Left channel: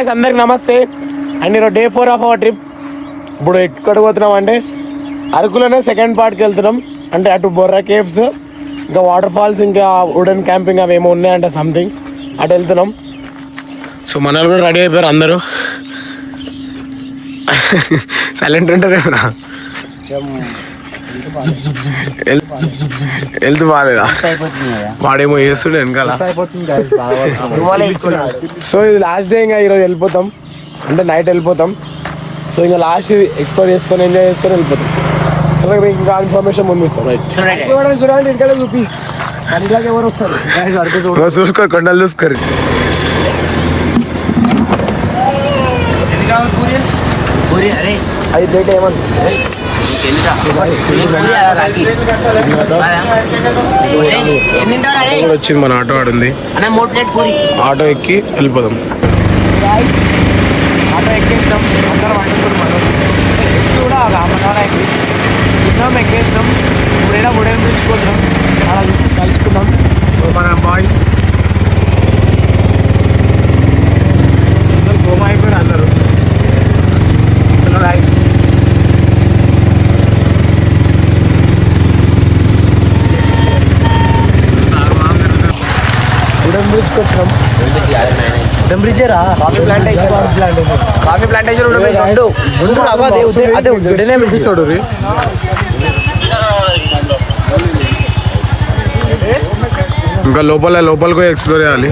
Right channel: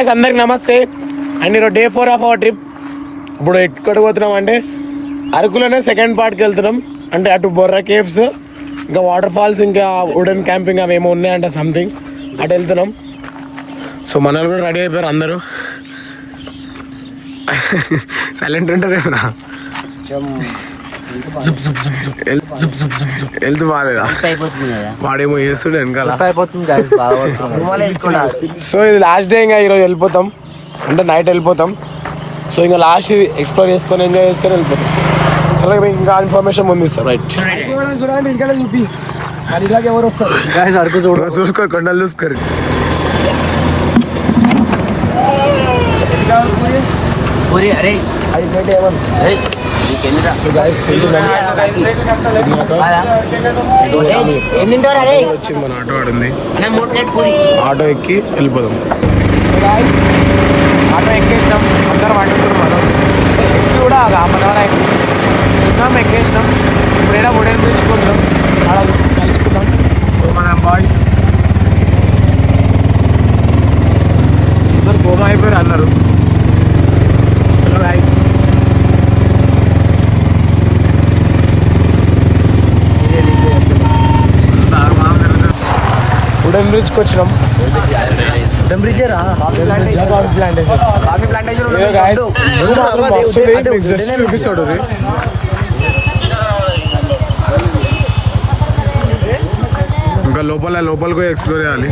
అందరికి నమస్తే అండ్ ఈరోజు డే 4 ఆఫ్ అవర్ ట్రిప్. ఇప్పుడు ఎక్కడ పోతున్నాం అంటే అరకులోనే సెకండ్ పార్ట్కి వెళ్తున్నాం. అంటే అటు బొర్రా కేవ్స్, ఇంకా వాటర్ ఫాల్స్, ఇంకా వుడెన్ క్యాంపింగ్ అవి ఏమో ఉన్నాయంటే సంథింగ్ అటు వెళ్తున్నాం. సో మన వాళ్ళు కూడా రెడీ అయిపోయారు అందరూ. సైలెంట్ ఉంటారేమరా? హెల్త్ బాగాలేదా? వాడేమో చేస్తుండే వెనకాల. సో ఇది లాస్ట్ డే, ఇంకా ఈరోజు వెళ్ళిపోతాం. అంటే నైట్ వెళ్ళిపోతాం. సో ఇంకా లాస్ట్ ఇది ఎక్స్ప్లోర్ చేసుకొని ఎంజాయ్ చేసుకొని వెళ్ళిపోతాం. చాలా మీకు ఇంకా ఇన్ఫర్మేషన్ ముందు ఇస్తాం. రైట్ చూపి ఎవరు వస్తారు చూసుకోరు, కొండలు చూసుకోరు. వచ్చింది మన ఆటో ఆడుంది, ఆటో ఎక్కి వెళ్ళిపోదాం. ఆటో ఎక్కేసినాం, అందరం వండుకున్నాం. మనం ఎక్కి కూడా ఒక 1/2 అవర్ అయింది. తిన్నాం, ఎక్కేసినాం. ఇప్పుడు ఏడా ఉడేన్ పిలుచుకుంటున్నాం, అలా కలుసుకున్నాం. సో మన బాయ్స్ అందరు గోమా అయిపోయారు అందరూ. చలో గాయ్స్, వుడెన్ బ్రిడ్జ్కి వచ్చినాం. ఇంకా లోపలికి ఎక్స్ప్లోర్ చేయాలి.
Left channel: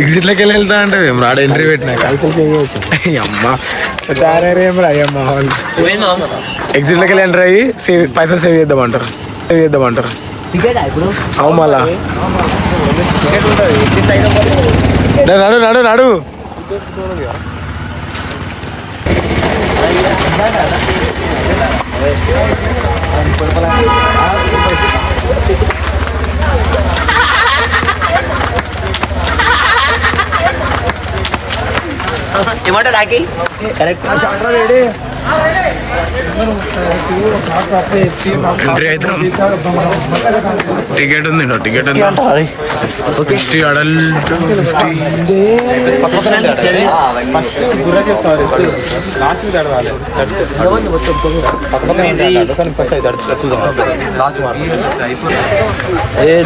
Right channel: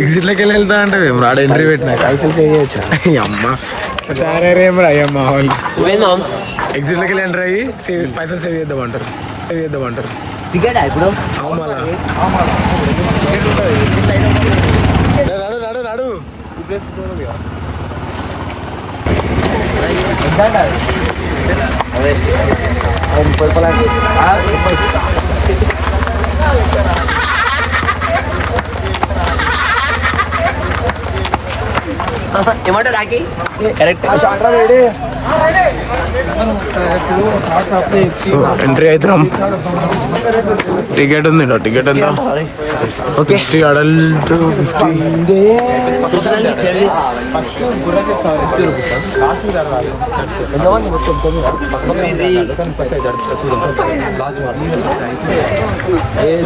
ఎగ్జిట్లోకి వెళ్ళి వెళ్తా అంటే రాడ ఎంట్రీ పెట్టినా అమ్మ అయ్యమ్మా వాళ్ళు ఎగ్జిట్లోకి వెళ్ళి ఎంటర్ అయ్యి పైసలు సేవ్ చేద్దామంటారు. అవు మళ్ళా నడు నడు నడు. ఏమంటారు రాకి? కరెక్ట్. సో ఎంట్రీ అవుతున్నాం. టికెట్ ఉంది, టికెట్ ఎంత? 50 అడల్ట్, 50.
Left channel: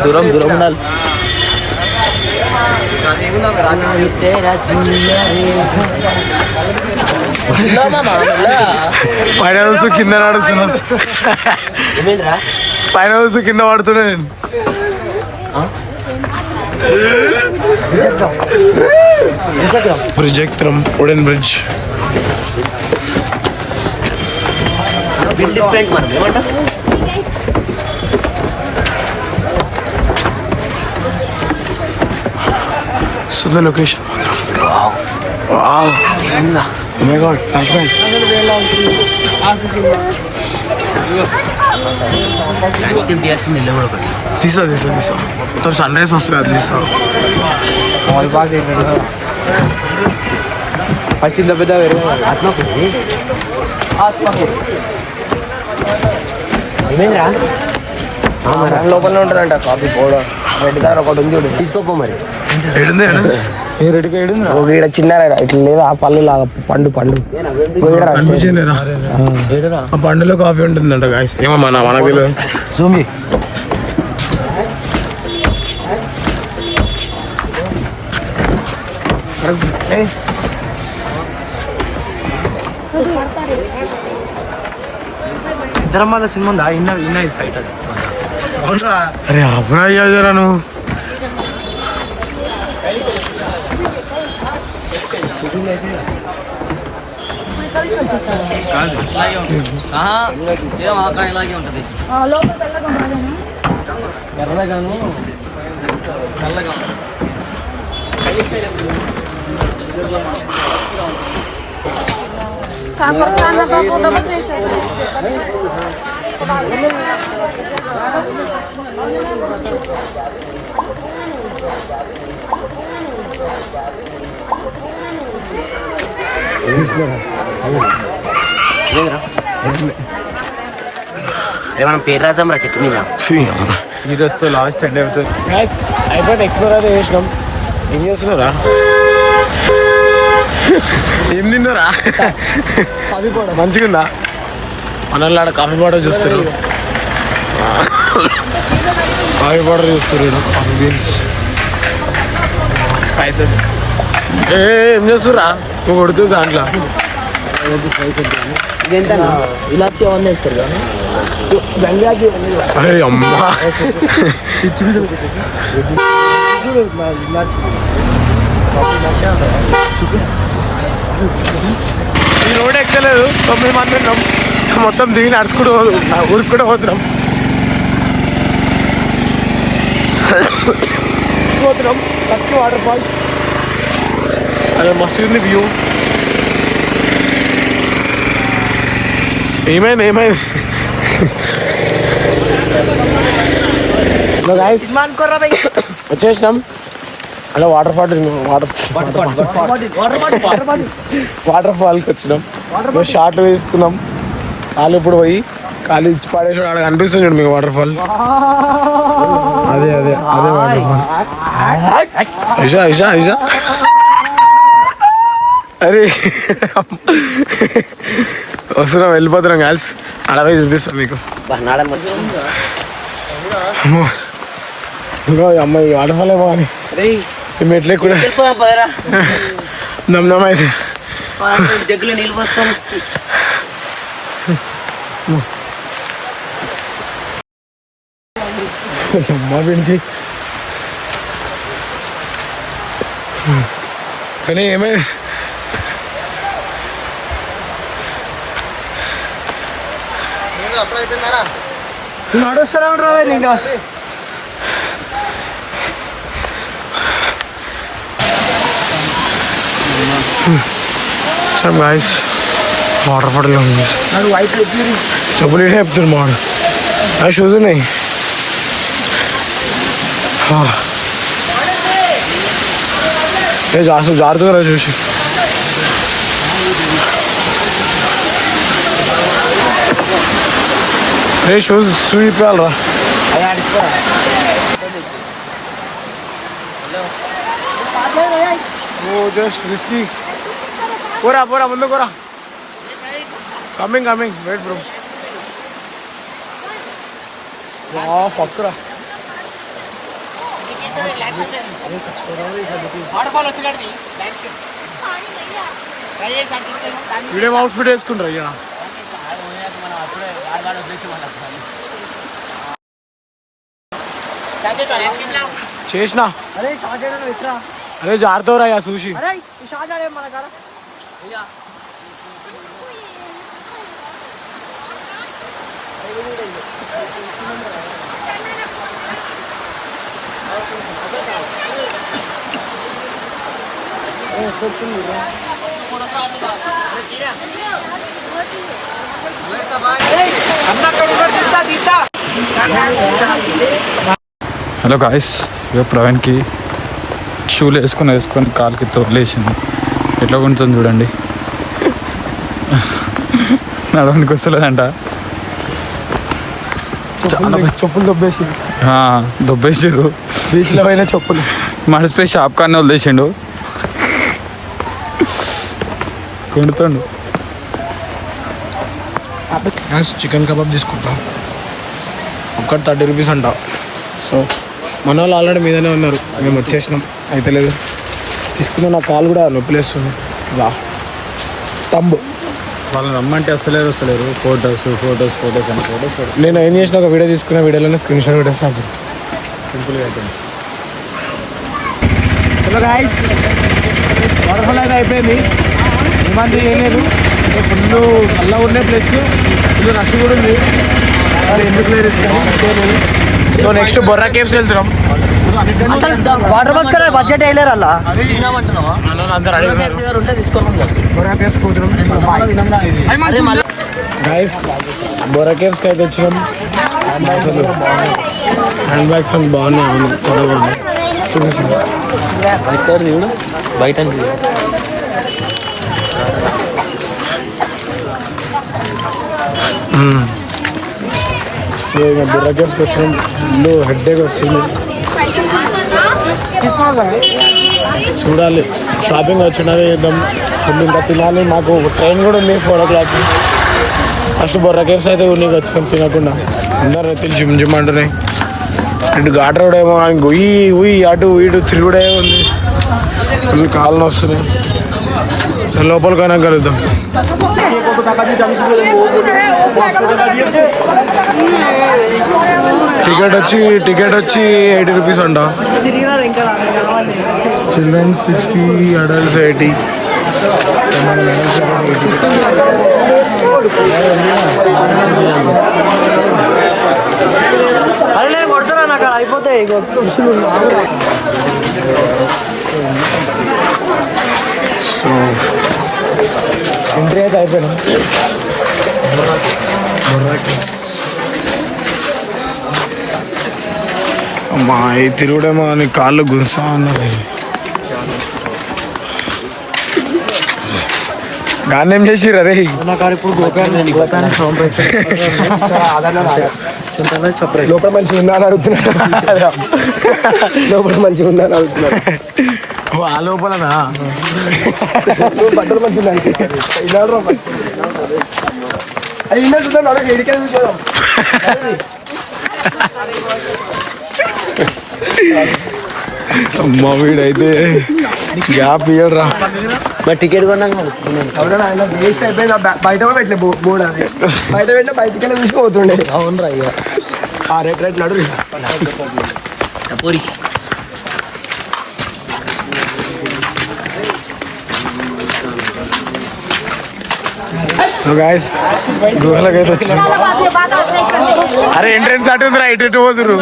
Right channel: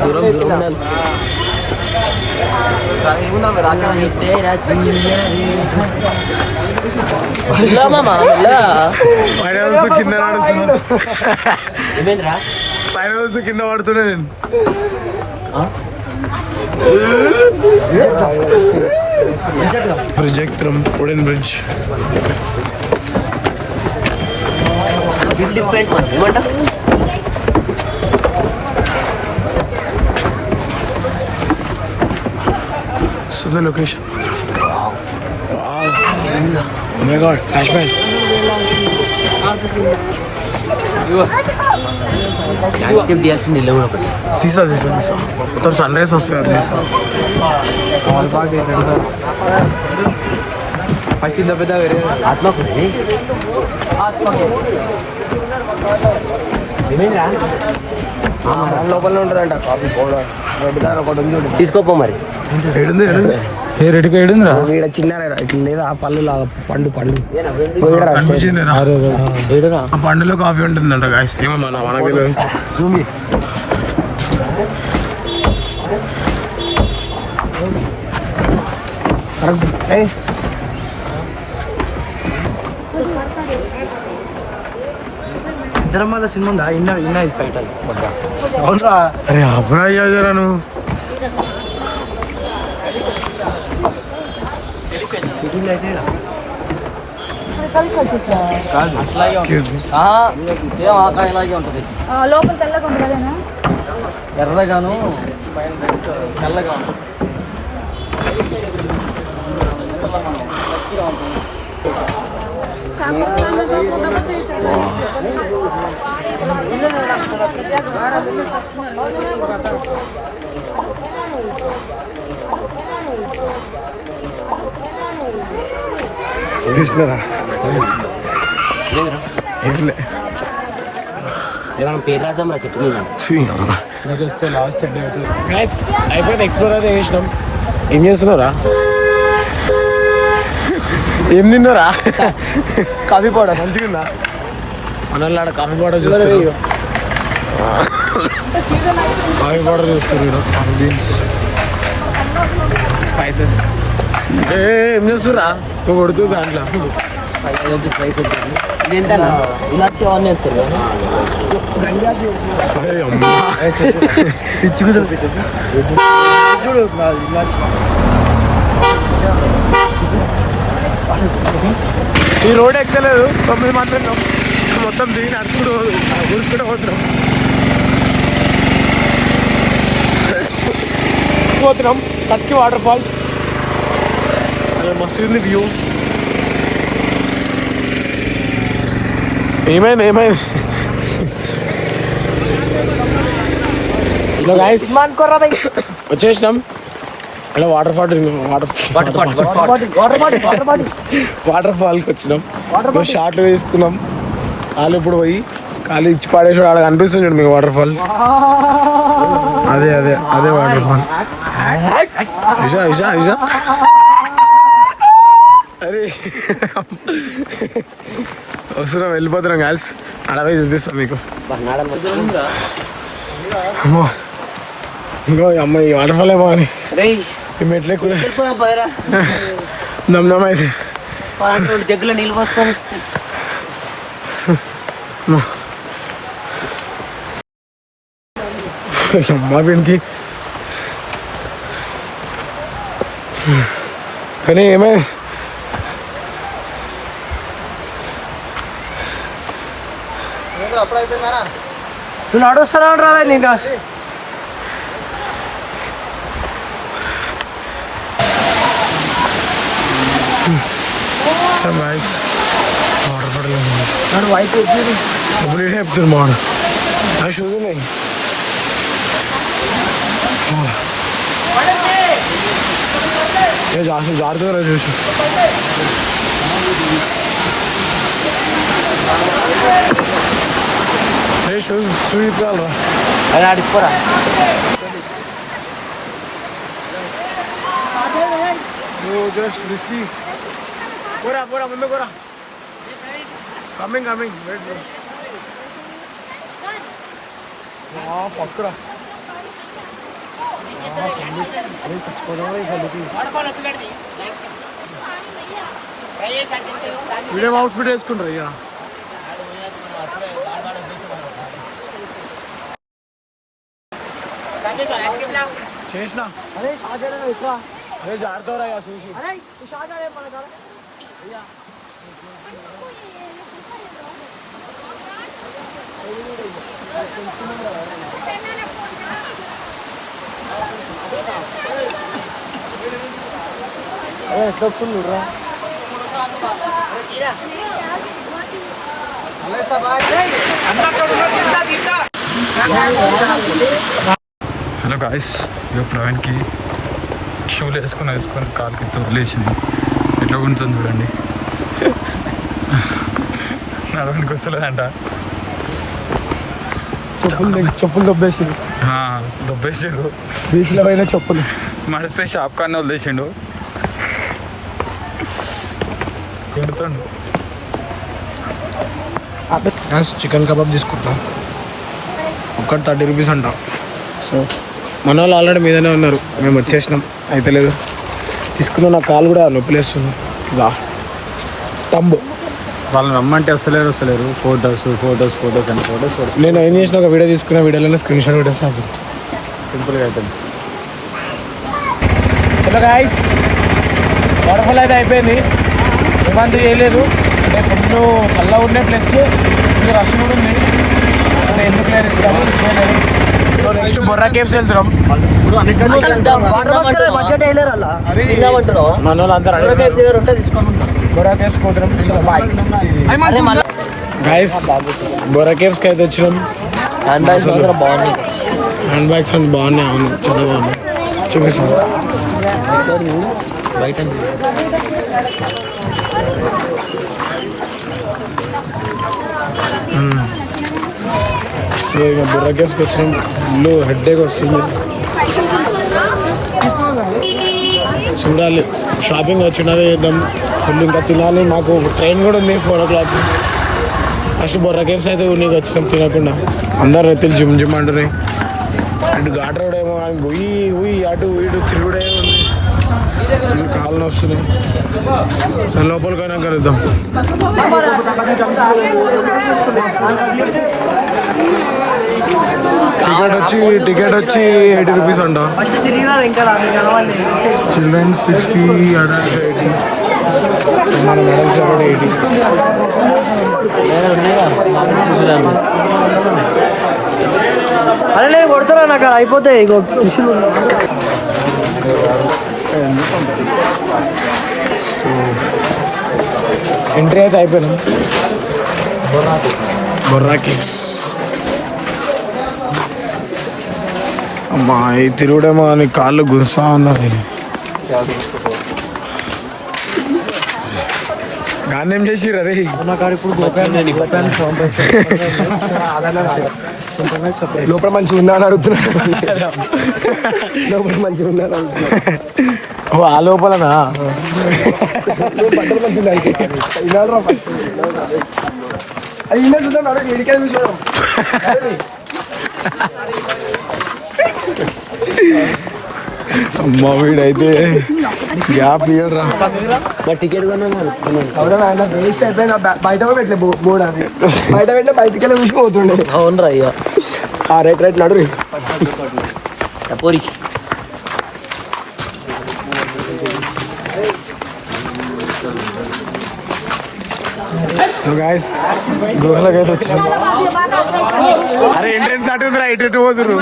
దూరం ఫైనల్స్ కింద నడుస్తున్నా, ఫైనల్స్ కింద పడుతున్నా నేను. బ్రిడ్జ్ ఎక్కుతున్నాం, wooden bridge. So the location. Wow. Oh my god, flashbang. తీసా మొత్తం సన్ రైజ్ వస్తుంది, అది తీసా. లోపల ఉంటుందంట కాఫీ పౌడర్ ఒకటి ఉంది, తీసుకోపో. మరి చిన్న ఇట్లా లేదా పళ్ళు లాగా పండు ఆ పండులో కాఫీ ఉంటుందంట గాయస్. ఏమో మనకు తెలియదు. ఇద్దరం మళ్ళీ సినిమా ఉందా? అరే అప్పుడు అయ్యా నువ్వు ఎర్రగాను ఏమన్నా పేరు రాసాం రా చెట్టు మీద. ఇది వస్తే లాస్ట్ ఎండ్ అవుతుంది. గైస్ అయిపోయింది, ఎక్స్ప్లోర్ అయితే చేసినాం. ఏం చేస్తున్నారా? ఏం తిన్నారా? కాఫీ పౌడర్ మంచిగా మనల్ని ఆడ కాఫీ పౌడర్ చూస్తారు, కాఫీ పౌడర్ చూస్తారు, కాఫీ బీన్స్, స్పైసెస్. ఏం చేస్తురా? నువ్వు కొడుతుంది దాంట్లో ఇలాచి అవన్నీ వేస్తారు కానీ అరే అమ్మా చూడు ఇలాచి. ఈ రోడ్ ఎక్కలేదు, 9 మంది ఉన్నాం, మొత్తం దిగి నడుచుకుంటూ ఉరుక్కుంటూ పోతున్నాం. కట్కి వాటర్ ఫాల్స్, అది మస్తు ఉంది వ్యూ. ఏమైంది హలో గైస్, వచ్చేసినాం. అలా వాటర్ ఫాల్కి వచ్చినాం. షార్ట్లు వేసుకున్నాం. కాలు ఇప్పుడు పోయి కాలు ఇచ్చి పడేసి అక్కడ కనిపిస్తుంది చూడు మీకు వాటర్ ఫాల్. అదే వాటర్ ఫాల్. ఇషా అరే వస్తున్నాం, వెళ్ళిపోతున్నాం గర్ల్స్. అడవై చూపిస్తాం మీకు. అమ్మో ఇంకో అమ్మాయి వాటర్ ఫాల్ ఏమో అని మెట్లే కూడా దమ్ అయితే జగ్గులో నీళ్ళు పోస్తాం. అమ్మా పెడితే కానీ ఏమైంది అప్పుడు అయిపోయిందారా? నేను నడుస్తున్నాను రా. నేను వాటర్ ఫాల్ ఉంది. నన్ను వైట్ చెప్పులు ఇటే చెప్తాడు మాడు. ఆ షూస్ ఉన్నాయి. జారుతుందా చూసి. రే షూస్ ఇప్పాలరా. Oh just risky. పోరా ముందు పోరా. Coming wait bro. పక్కరా వీడియో అవుట్ఫిట్ వేసుకుంటారు అయ్యా. చేసిన అరే జారుతావురా చూసి. హలో గాయస్, ఇక ప్రవీణ్కి షూలు వేసుకొని కాలుకి తోలేసింది. ఎట్లా ఉంటుంది చూడండి. నడవడానికి వస్తలేదంట. చెప్పులు దొబ్బేసారు బీచ్లో పైన చెప్పులు మడిసిపోయి షాప్ కానీ వదిలేసిండు. కొడుతుండు. చికెన్ కబాబ్ తీసుకుంటాం, ఒక్కటి 30 రూపీస్ అంట. సో మన వాళ్ళు ఆల్రెడీ మీదనే ఉన్నారు, మేము వచ్చేసినాం. అయితే లేదు తీసుకున్నాం. నా కాలు కూడా నొప్పిలేస్తుంది. తంబు వాళ్ళని రమ్మంటే వస్తలేరు. ఫొటోస్ అని ఫొటోస్. నేను ఏం చేసిన, ఒక వీడియో తీసుకున్న, వీడియోలోనే స్క్రీన్ షాట్ పెట్టేస్తాను. సింపుల్గా అవుతుంది. హలో గాయ్స్, వాటర్ ఫాల్ అయితే అయిపోయింది. ఏమంతా చేయలేదు, అంటే ఫుల్ చల్లగా ఉండే ప్లస్ ఫుల్ రష్ కూడా ఉంది. మరి ఎందుకు లేదు కానీ చేయలేదు. సో నెక్స్ట్ బొర్రా కేవ్స్ వెళ్తున్నాం. మన వాళ్ళు అందరూ అడిగినారు బొర్రా కేవ్స్ పోతున్నాం. గాయస్ బొర్రా కేవ్స్కి అయితే వచ్చినాం. హ్యాండ్ బ్యాగ్స్ అని బాగున్నాయి. అవును చాలా బాగున్నాయి, చూపిస్తాం. బయట సో ఇక బొర్రా కేవ్స్కి వచ్చినాం. ఫుల్ హెడ్ఏక్ వస్తుంది. చూడాలి, షాపింగ్ వచ్చినాక చేద్దాం. ఫుల్ ఇంకా తినాలి, మాకు ట్రైన్ కూడా ఉంది 4 o'clock. ఫస్ట్ బొర్రా కేవ్స్ అయితే నీకు వచ్చినాం తినకుండా. అందరు ఎత్తులు జిమ్ జిమ్ అంటున్నాయి. ఇటు ఘాట్ రోడ్ ఏమో ఉయ్యి ఉయ్యి అటు ఇటు తిరుగుడే ఉంది. ఫుల్ కాళ్ళు వస్తున్నాయి. సరే లోపలికైనా కలుద్దాం. టికెట్ వచ్చి 80 rupees అంట. Children 60, adults 80. మన అడల్ట్స్ 80. అరే నేను కొడతారా నాకు అయిపోతాయి. సో ఎంట్రీ అయితే అయిపోయినాం. బొర్రాకి అమ్మా ఈ తిరుగుడేమో అని కాళ్ళు గురుస్తా ఉన్నారు. గాన్ని ఏం చేసిర్రు? అరే లోపల మంచిగా ఉందా అని అడుగుతున్నా. లోపల మంచిగా ఉందా అని అడుగుతున్నా. ఆ లోపలనా బట్టలు మంచిగా చూసేదాం. అమ్మా వీడైతే గ్యాప్ ఇయ్యడరా. టికెట్ కొన్నాక వేస్ట్ అయిపోయింది. బయట కూడా పెట్టలే బోర్డు. బయట పెట్టలే, బయటికి వెళ్ళి చూసిపోతుండే. అవునరా ఇక రైట్ నడు. సో గాయస్ గుహలకి అయితే వచ్చినాం. అరే ఎంట్రెన్స్ అటు ఉందిరా, ఇటు పోతురు.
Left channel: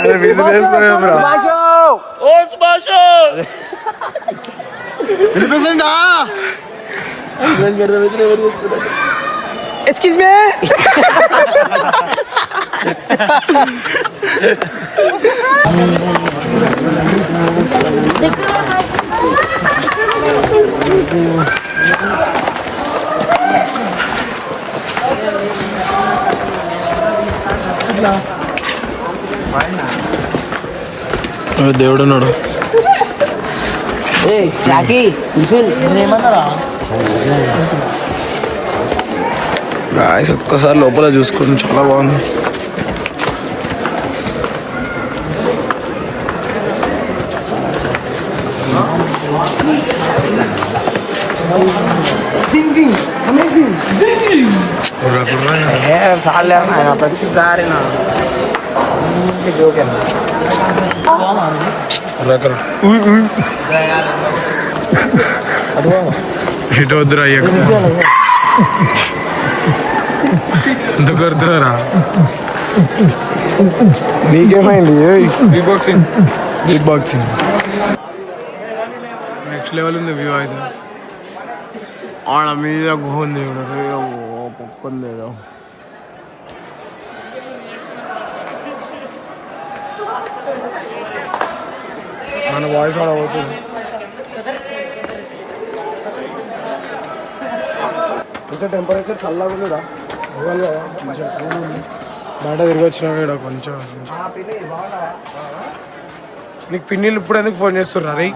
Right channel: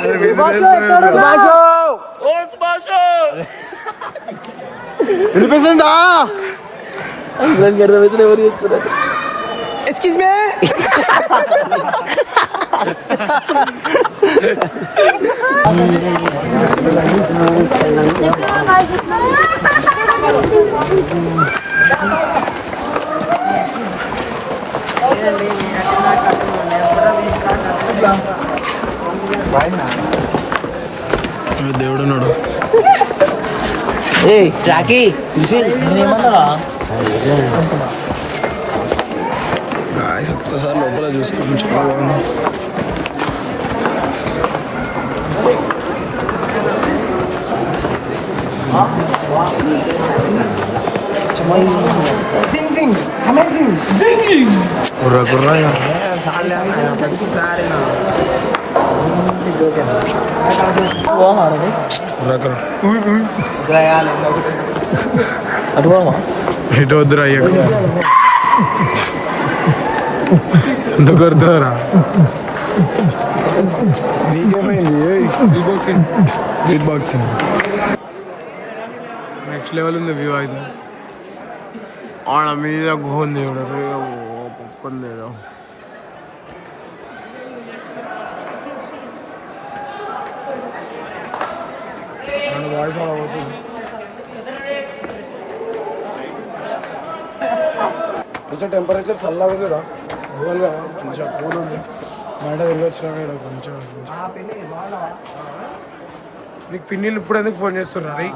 అరే వినిపిస్తుందా? Excuse me. దేవుడు ఉన్నాడు. ఏమంటారా గాయస్ ఒక్కసారి లోపల చూసుకుంటాం, చాలా బాగుంది. ఇటు వద్దురా అయ్యాక ఎంత కొడుతున్నారా? నీకేమైంది? బీట్ బాక్సింగ్ నెక్స్ట్ లెవెల్ ఉంది. వ్యూ అయితే ఆడ మీద గుహ ఉంది. పొక్కుంది ఏదో. మన వాయిస్ ఆడ పోతుంది. కొంచెం టెంపరేచర్ చల్లగా ఉందిరా. ఇవ్వాలి కదా, కొంచెం కూల్ ఉంది. బయట తిరిగి వచ్చినా ఇక్కడ కొంచెం. నీకు పిన్నిలు ఇప్పుడు ఎందుకు ఫోన్ చేస్తున్నా? రే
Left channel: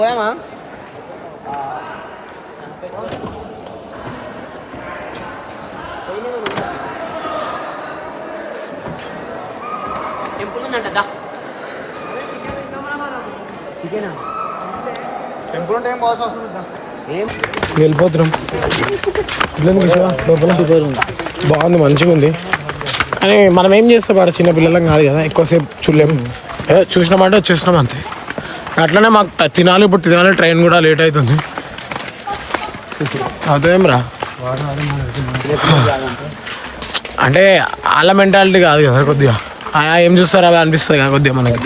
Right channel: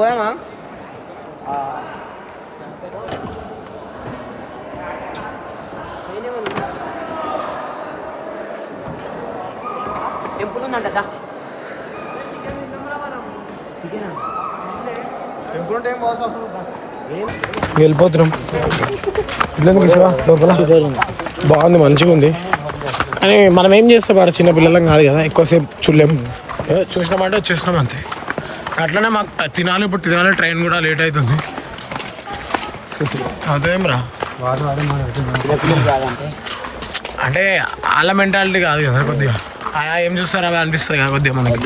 పోయామా? వెళ్ళిపోతున్నాం. లోపల బాగుంది, మంచిగా ఉంది. కానీ మనం ఏం చేస్తాం, ఆడ చిన్న పిల్లలం కాదు కదా, ఎక్కువసేపు చూడలేం. చూసినామంటే వచ్చేసినాం అంతే. అట్లనే మాకు తినాలి, ఇప్పుడు తినాలి. ట్రైన్ కూడా లేట్ అవుతుంది. అదేం రా అంటే వాళ్ళ మెంటాలిటీ కాదు కదా. కొద్దిగా ఏం చూస్తారు అలా అనిపిస్తుంది కదా కొద్దిగా మనకి.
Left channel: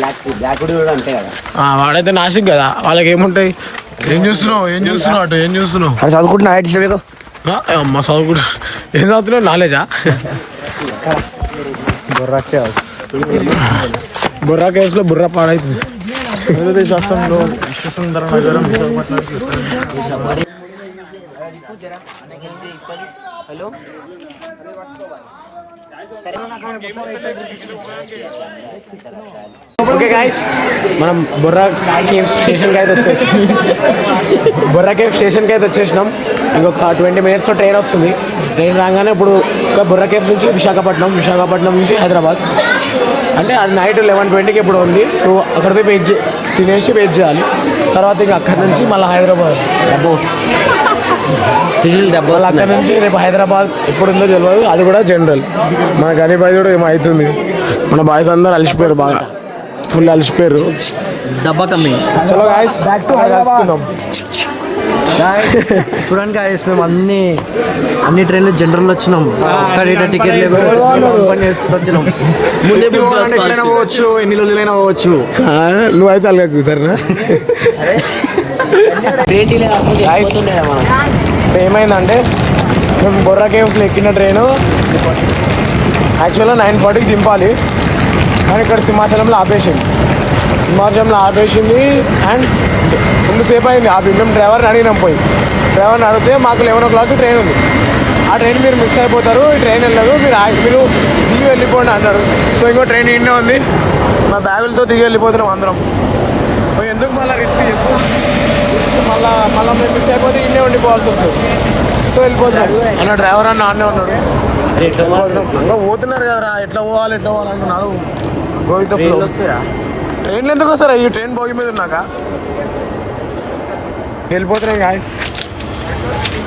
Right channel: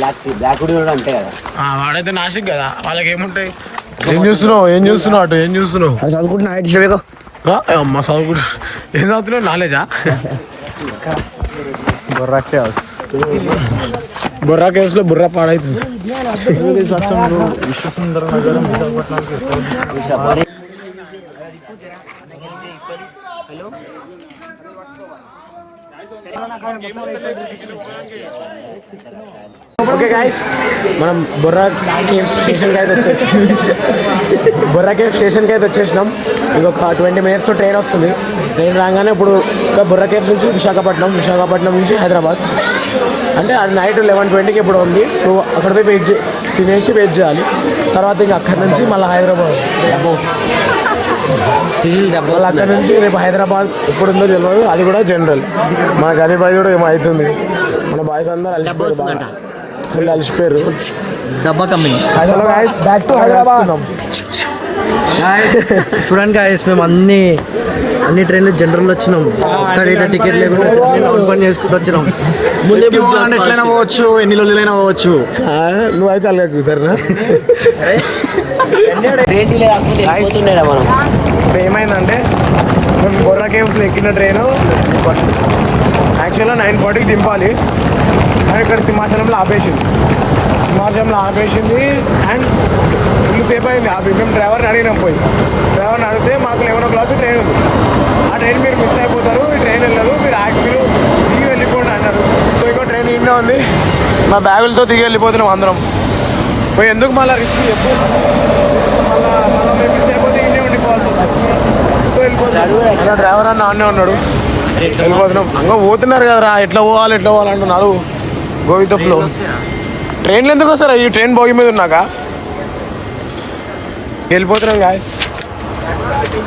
వాడైతే నాసిక్ కదా, వాళ్ళకి ఏముంటాయి? ఏం చూస్తున్నావు అటు ఏం చూస్తున్నావు? చదువుకుంటున్నా. అమ్మ చదువుకుంటా. ఏం చదువుతున్నావు? నాలెడ్జా? బుర్రా కేవ్స్ లో బుర్రా పాడైతుంది. ఆంధ్రప్రదేశ్ రాష్ట్రంలో విశ్వసుందరం ఓకే గాయస్, మనం బుర్రా కేవ్ స్టేషన్కి అయితే వచ్చేసినాం. ఇంకొక 20 minutes ట్రైన్ వస్తుంది. ట్రైన్ రాగానే ఇప్పుడు బుర్రా కేవ్ నుంచి విశాఖపట్నం నుంచి హైదరాబాద్. అంటే అది నైట్ 11:20కి ఇప్పుడు ఉంది. సో అక్కడ పోయి తినేసి వెయిట్ చేయాలి. తర్వాత ఇంకా అక్కడి నుంచి మళ్ళీ హైదరాబాద్. మళ్ళీ అక్కడ నుంచి రేపు హైదరాబాద్ ఎప్పుడు ఉందో తెలియదు. అది కూడా జనరల్. మన గని బాయ్ కూడా ఏమో అవుతుంది. మన బాయ్స్ అందరూ అలిసిపోయారు, బాగా ఫుల్ అలిసిపోయారు. డబ్బా కమ్మి. చలో గాయస్ కలుసుకుందాం. చూడండి గాయస్, మేము అన్ని ట్రైన్లు జనరల్ వచ్చినాం. ఒక్కడ టికెట్ లేకుండా చేసుకుంటూ వచ్చినాం. ముందే పోవచ్చు, ఎన్ని రోజులైనా పోవచ్చు. నువ్వైతే అలాగే సరేనా? ఏమైందంటే మేము బొర్రా కేవ్స్లో ఎక్కిన ట్రైను యాక్చువల్గా 9:40కి దింపాలి. కానీ ఇక్కడ సింహాచలంలో ఆపేసింది. అండ్ ఫుల్ సేపు అయింది ఆపి. మేము డ్రైవర్ని అడిగితే మాకు 11 o'clock ట్రైన్ ఉంది. ఆ ట్రైన్ మీరు మిస్ అయిపోతారు, ఈ ట్రైన్ వెళ్ళదు, మీరు దిగి వెళ్ళిపోండి అన్నారు. సో ఇంకో ట్రైన్ ఇండే ఉంది. మా బ్యాగులతో దిగి వెళ్ళిపోతున్నాం అందరం. పోయి ఎందుకు మళ్ళీ రిస్క్ మళ్ళీ మేము మిస్ అయిపోతే ఇండే ఉండిపోవాల్సి వస్తుంది. సో వెళ్ళిపోతున్నాం. అన్న డ్రైవర్ అన్న ఆన్నే ఉన్నాడు. వెళ్ళిపోతున్నాం. ఇంకా పోతున్నారు కదరా, ఎట్లా పోవాలి అంటున్నాడు. Go with the flow. ట్రైన్లు ఎందుకు వస్తారా? ఈ ట్రైన్ బోగి మీద ఉన్నాక వెళ్ళిపోతున్నాం గాయస్.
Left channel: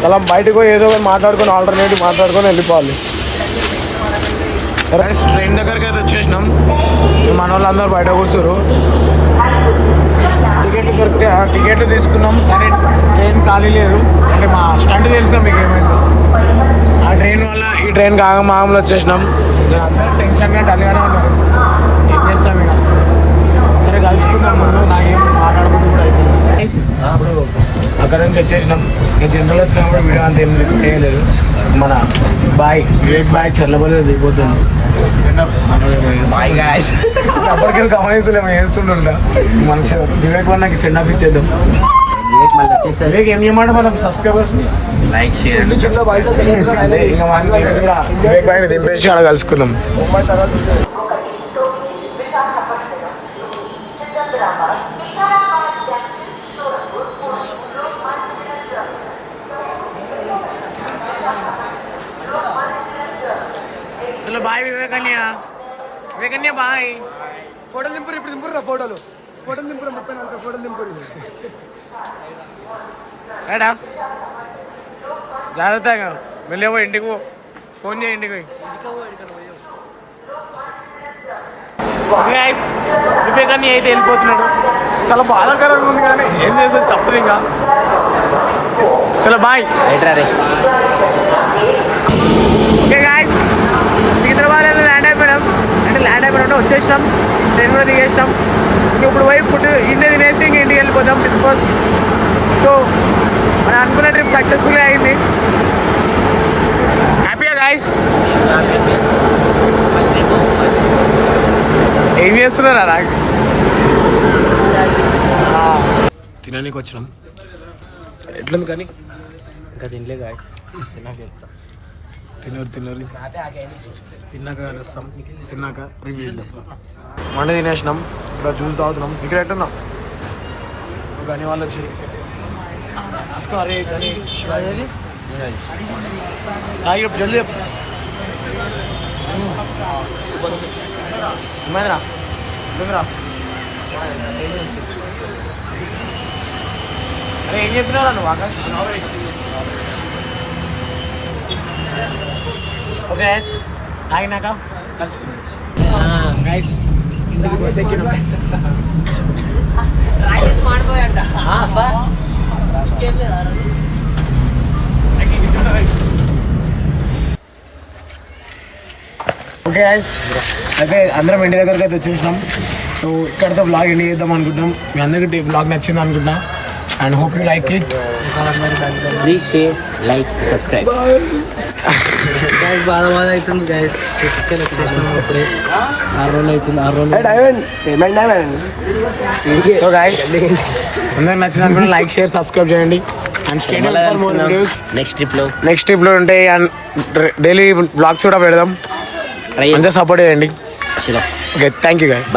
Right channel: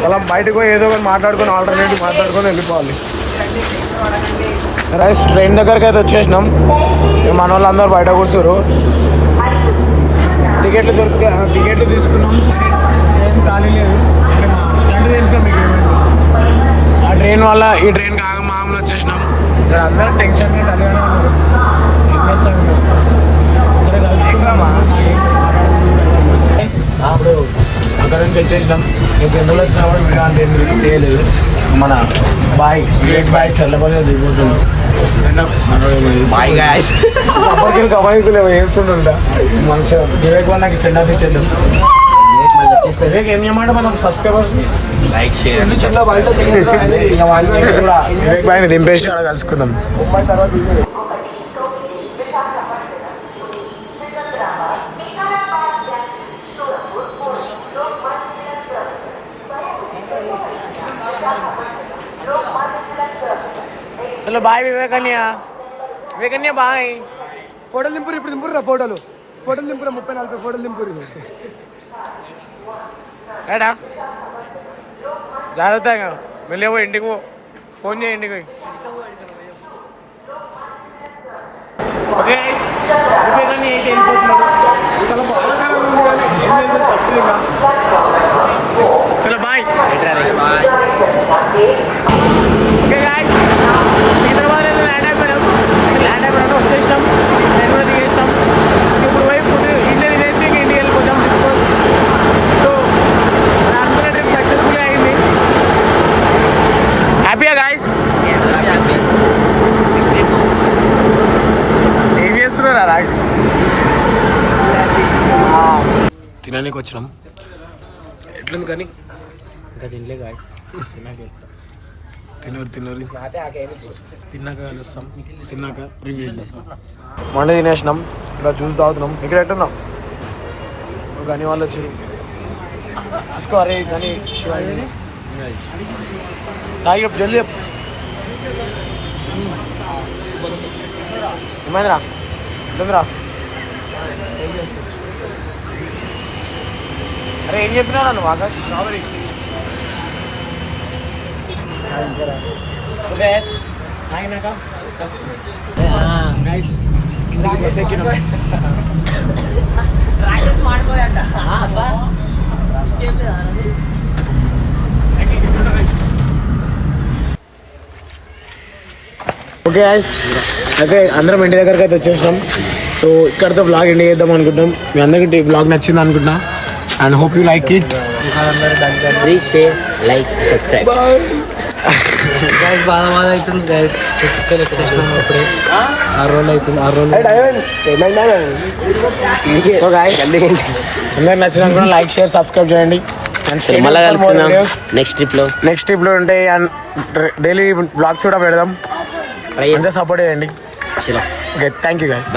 అలా బయటకు పోయి ఏదో ఒకటి ఆల్టర్నేటివ్ మాట్లాడుకొని వెళ్ళిపోవాలి. రైస్ ట్రైన్ దగ్గరికి అయితే వచ్చేసినాం. మన వాళ్ళందరూ బయట కూర్చోరు. టికెట్లు తీసుకున్నాం, కానీ ట్రైన్ ఖాళీ లేదు. అంటే మా స్టంట్ తెలుసా మీకు ఏమైందో. ఆ ట్రైన్ వల్ల ఈ ట్రైన్కి మామూలు వచ్చేసినాం. అందరూ టెన్షన్గా డల్గానే ఉన్నారు. ఏం చేస్తాం ఇక. సరే కలుసుకుందాం. ముందు నాకేం మాట్లాడుకుంటూ కూడా అయిపోయింది. అప్పుడు అక్కడ నుంచి వచ్చేసినాం. నేను జనరల్ వచ్చినప్పుడు వీడియో అంత ఏం రికార్డ్ చేయలేదు. మన వివేక్ బాయ్ చల్లబడిగా దిగిపోతున్నాం. అప్పటికెళ్ళి కమాయిస్తున్నా వేస్తుండ మంచిగా. వివేక్ వన్ నాకు సెండ్ ఆఫ్ ఇచ్చేద్దాం. వివేక్ ఏం చేయమంటే మనం సబ్స్క్రైబర్స్ కూడా వివేక్ బాయ్ని దింపేసి అక్కడ కలుసుకుందాం. చలో బాయ్ వివేకన్య బాయ్. ఫోటోలు దింపురా ఫోటోలు దింపురా 30-40 ఫోటోలు దింపురు. ఏడా జాగ్రత్తగా వెళ్ళేవో ఇంటికి ఫోన్ చేయి. ఇంటికి ఓకే గైస్, వివేకన్య అయితే వెళ్ళిపోతున్నాడు. చాలా బాధాకరంగా ఉంది కానీ ఏం చేసేది తప్పదు ఇంకా. చలో బాయ్. ఓకే గాయస్, సికింద్రాబాద్లో ల్యాండ్ అయిపోయినాం. వచ్చేసినాం. ట్రైన్ కూడా దిగేసినాం. ఇప్పుడు పోయి ఫుడ్ ఇండియా తినేసి ఇంక ఇంటికి వెళ్ళిపోతాం డిస్పోజ్. సో మనం అనుకున్న ట్రిప్ సక్సెస్ఫుల్గా అయింది. హ్యాపీయా గాయస్? ఏం చేస్తున్నారా రాగ్? తినడానికి వచ్చినాం. ఎట్లుంది కానీ ఇంకా తినలే గాయస్. తిన్నాక కలుస్తాం. తిన్నాక రివ్యూ చేద్దాం. మండే తినేసినాం. ఇక్కడ జ్యూస్ తాగుతున్నాం. ఇక్కడ ఎట్టున్నాం గని వాళ్ళు వచ్చారు. తీసుకో. అరే గని శివాజీ తాగి జల్దీ చెప్పు. ఏమైందిరా? ఎట్లుందిరా? అరే ఏం చెప్పినారా నువ్వు ఆకాష్? ఓకే గైస్, తాగినాక కలుసుకున్నాం. గైస్ ఇంటికి బస్ ఎక్కినాం. ఓకే గైస్, అయితే అందరం ఇంటి దగ్గరికి అయితే వచ్చేసినాం. సో ఇక్కడితో బ్లాగ్ ఎండ్ చేద్దాం అనుకుంటాం. మీ అందరికీ బ్లాగ్ నచ్చింది అనుకుంటున్నా. And hope you like it. Please share, like, subscribe. Bye. Guys బాగా అవుతుంది గైస్. అప్పుడే 6 రోజులు అవుతుంది. 6 రోజులు. సో గైస్ అందరికి నచ్చినా కూడా లైక్ షేర్ సబ్స్క్రైబ్ చేయండి and stay tuned for more videos. Next trip లో ఉంటాయి అండ్ డైలీ బ్లాగ్స్ కూడా పెడదాం. మంచిగా సపోర్ట్ చేయండి. Okay thank you guys.